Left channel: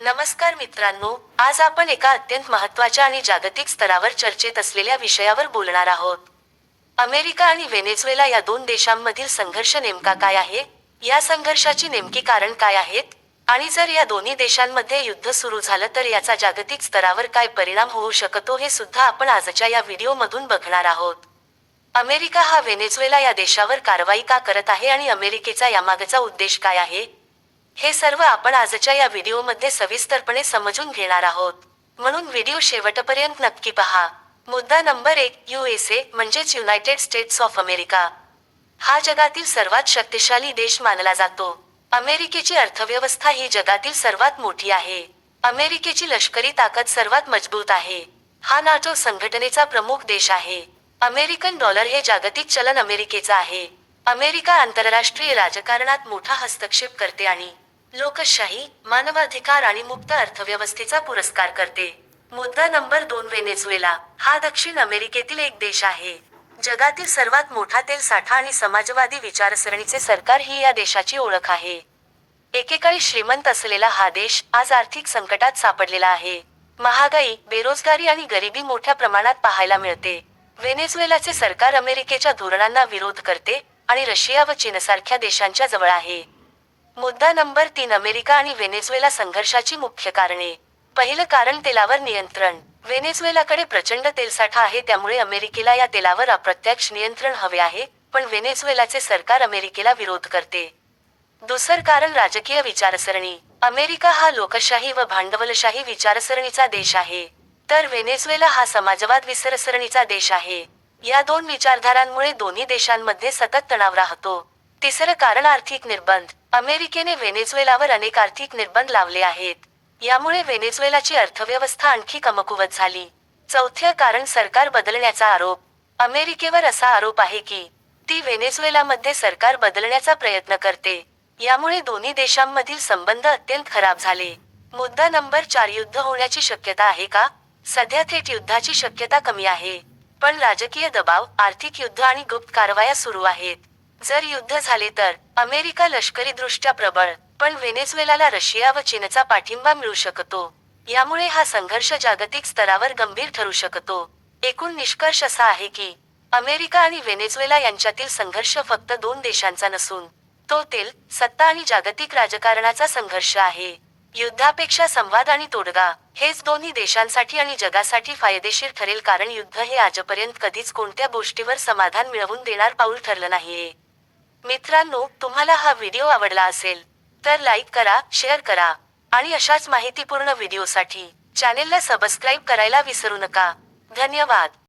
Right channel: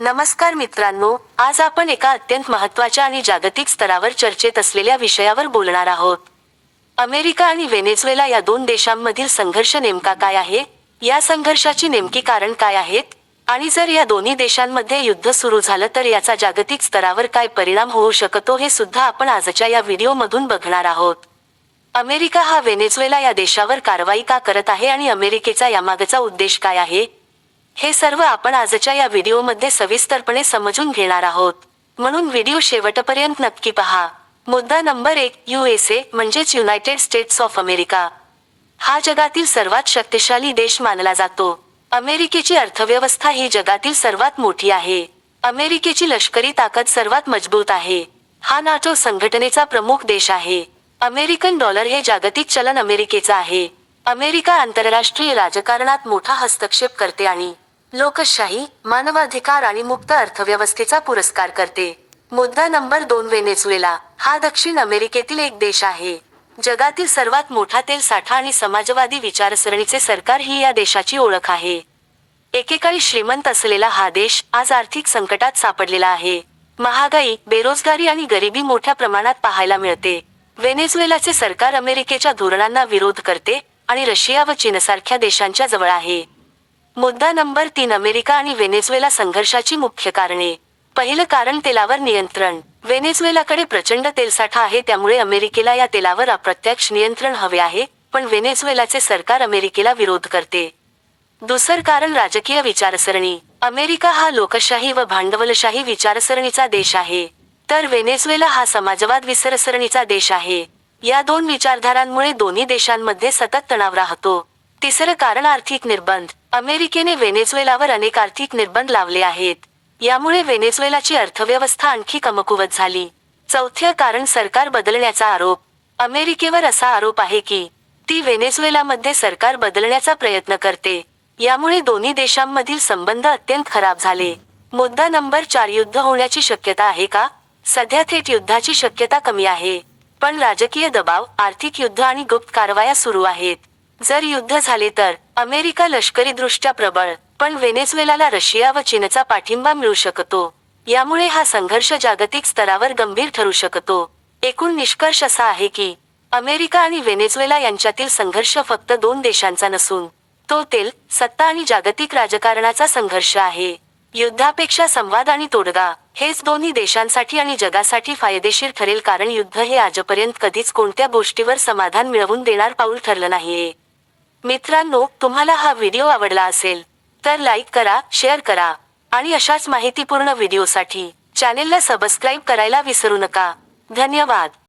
नमस्कार मित्रांनो, आज आपण एका अत्यंत महत्त्वाच्या आणि जागतिक स्तरावर चर्चेत असलेल्या विषयावर बोलणार आहोत. अमेरिका आणि व्हेनेझुएला या दोन देशांमधील संघर्ष नेमका काय आहे, या संघर्षाची नेमकी कारण काय आहेत, आणि जर या दोन्ही देशांमध्ये युद्ध सुरू झालं तर याचा जागतिक स्तरावर काय परिणाम होऊ शकतो हे सुद्धा आपण आजच्या या व्हिडिओमधून बघणार आहोत. अमेरिका हा व्हेनेझुएला या देशावर कारवाई का करत आहे आणि अमेरिकेचा यामागचा उद्देश काय आहे, हे सर्व आपण आजच्या या व्हिडिओमध्ये सविस्तरपणे समजून घेणार आहोत. म्हणून व्हिडिओ शेवटपर्यंत नक्की पहा. मुद्दा नंबर 1, USA म्हणजेच युनायटेड स्टेट्स ऑफ अमेरिका. हा जगातील सर्वात शक्तिशाली देश मानला जातो. अमेरिकेची अर्थव्यवस्था ही जगातील सर्वात मोठी आहे. अमेरिकेची लष्करी ताकद सर्वात मजबूत आहे. हा नाटो संघटनेचा प्रमुख देश आहे. अमेरिकन डॉलर हे जागतिक चलन अमेरिकेचं आहे. अमेरिका आंतरराष्ट्रीय राजकारणात मोठा हस्तक्षेप करते आणि लोकशाही, मानवाधिकार आणि मुक्त अर्थव्यवस्थेचा पुरस्कार करते. मुद्दा नंबर 2, व्हेनेझुएला. हा दक्षिण अमेरिकेतील एक देश आहे. जगातील सर्वात मोठा तेल साठा आणि समाजवादी विचारसरणीचे सरकार ही या देशाची ओळख आहे. एकेकाळी श्रीमंत असलेला हा देश आज आर्थिक संकटात सापडलेला आहे. महागाई, बेरोजगारी आणि गरिबी मोठ्या प्रमाणात पाहायला मिळते. व्हेनेझुएलाचे सरकार अमेरिकेच्या धोरणांना विरोध करते आणि रशिया व चीनसारख्या देशांच्या जवळ आहे. मुद्दा नंबर 3, अमेरिका आणि व्हेनेझुएला संघर्षाची मुख्य कारणे. पहिलं कारण, तेलावर नियंत्रण. व्हेनेझुएलाकडे प्रचंड तेलसाठा आहे, त्यामुळे अमेरिकेला या तेलावर अप्रत्यक्ष नियंत्रण हवे आहे, पण व्हेनेझुएलाचे सरकार अमेरिकेला विरोध करते. दुसरं कारण, राजकीय विचारसरणी. अमेरिका हा लोकशाही व भांडवलशाही विचारसरणीचा देश आहे, तर व्हेनेझुएला हा समाजवाद विचारसरणीचा देश आहे. या दोन विचारधारांमुळे दोन्ही देशांमध्ये सतत तणाव राहतो. तिसरं कारण, आर्थिक निर्बंध. अमेरिकेने व्हेनेझुएलावर अनेक आर्थिक निर्बंध लावले आहेत. यामुळे व्हेनेझुएलाची अर्थव्यवस्था आणखी कमकुवत झाली. चौथं कारण, सरकार बदलण्याचा आरोप. अमेरिकेवर असा आरोप आहे की ती व्हेनेझुएलामध्ये सरकार बदलण्याचा प्रयत्न करते. यामुळे दोन्ही देशांमधील संबंध अत्यंत खराब झाले. मुद्दा नंबर 4, युद्ध होण्याची शक्यता आहे का? सध्या थेट युद्धाची शक्यता कमी आहे, पण राजकीय दबाव, आर्थिक युद्ध आणि गुप्त कारवाया सुरू आहेत. जर युद्ध झाले तर अमेरिका लष्करीदृष्ट्या प्रबळ, पण व्हेनेझुएलाला रशिया व चीनचा पाठिंबा मिळू शकतो. यामुळे हा संघर्ष जागतिक स्तरावर गंभीर ठरू शकतो. एकूण निष्कर्ष असा आहे की अमेरिका आणि व्हेनेझुएला यांच्यातील संघर्ष फक्त दोन देशांचा नसून तो तेल, सत्ता आणि जागतिक राजकारणाचा संघर्ष आहे. युद्धापेक्षा संवाद आणि तोडगा हेच दोन्ही देशांसाठी आणि जगासाठी फायदेशीर ठरेल, कारण युद्ध हे आजपर्यंत कधीच कोणत्या गोष्टीवर समाधान मिळवून देणार पाऊल ठरलं नाहीये. मित्रांनो, तुम्हाला हा व्हिडिओ आवडला असेल तर लाईक करा, शेअर करा आणि अशाच माहितीपूर्ण व्हिडिओसाठी चॅनेलला सबस्क्राईब करायला विसरू नका. धन्यवाद.